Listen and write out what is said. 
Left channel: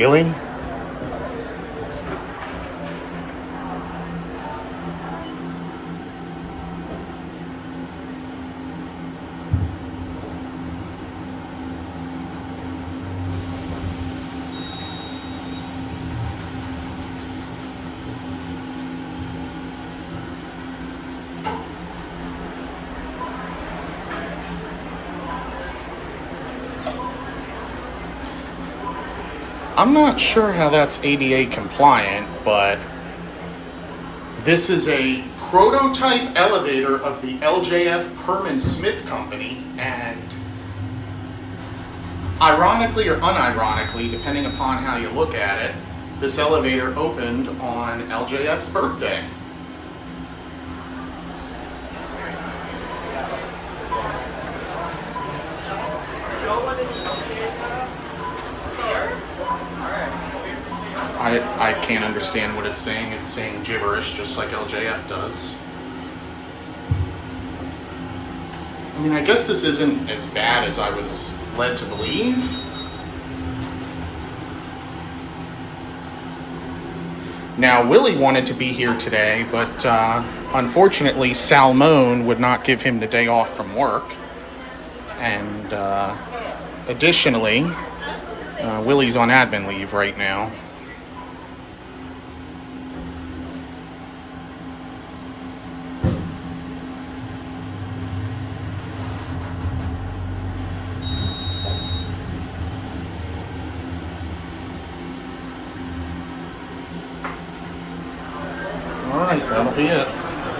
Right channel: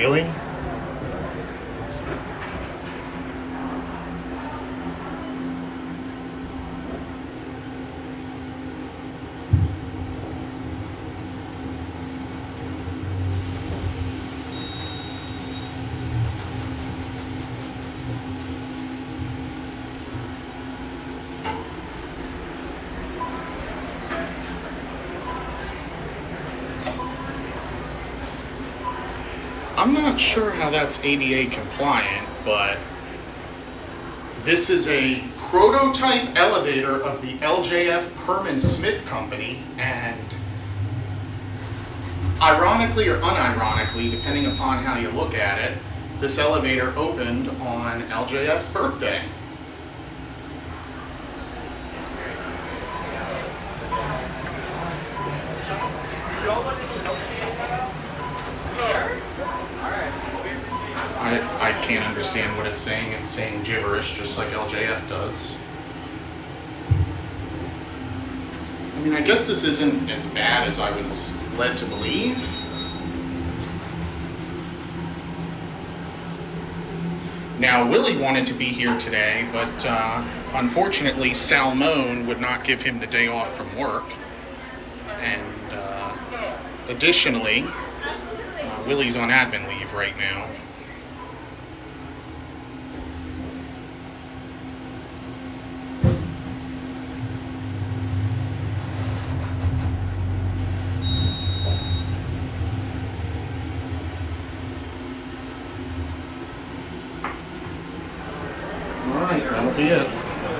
Really? I'm not sure how that's ADA compliant, but this is a prototype elevator of the LJF Perman Smith Company, and ironically or unironically, depending upon how you look at it, this elevator opened on LJF's birthday. I can't understand what it's saying. It's saying gibberish, just like LJF does. I mean, I guess this isn't as bad as I was led to believe. Now, Willie wanted to be here today, but unfortunately, Salmone would not give him the day off from work. And additionally, Willie's on admin leave right now. All right, that'll be it.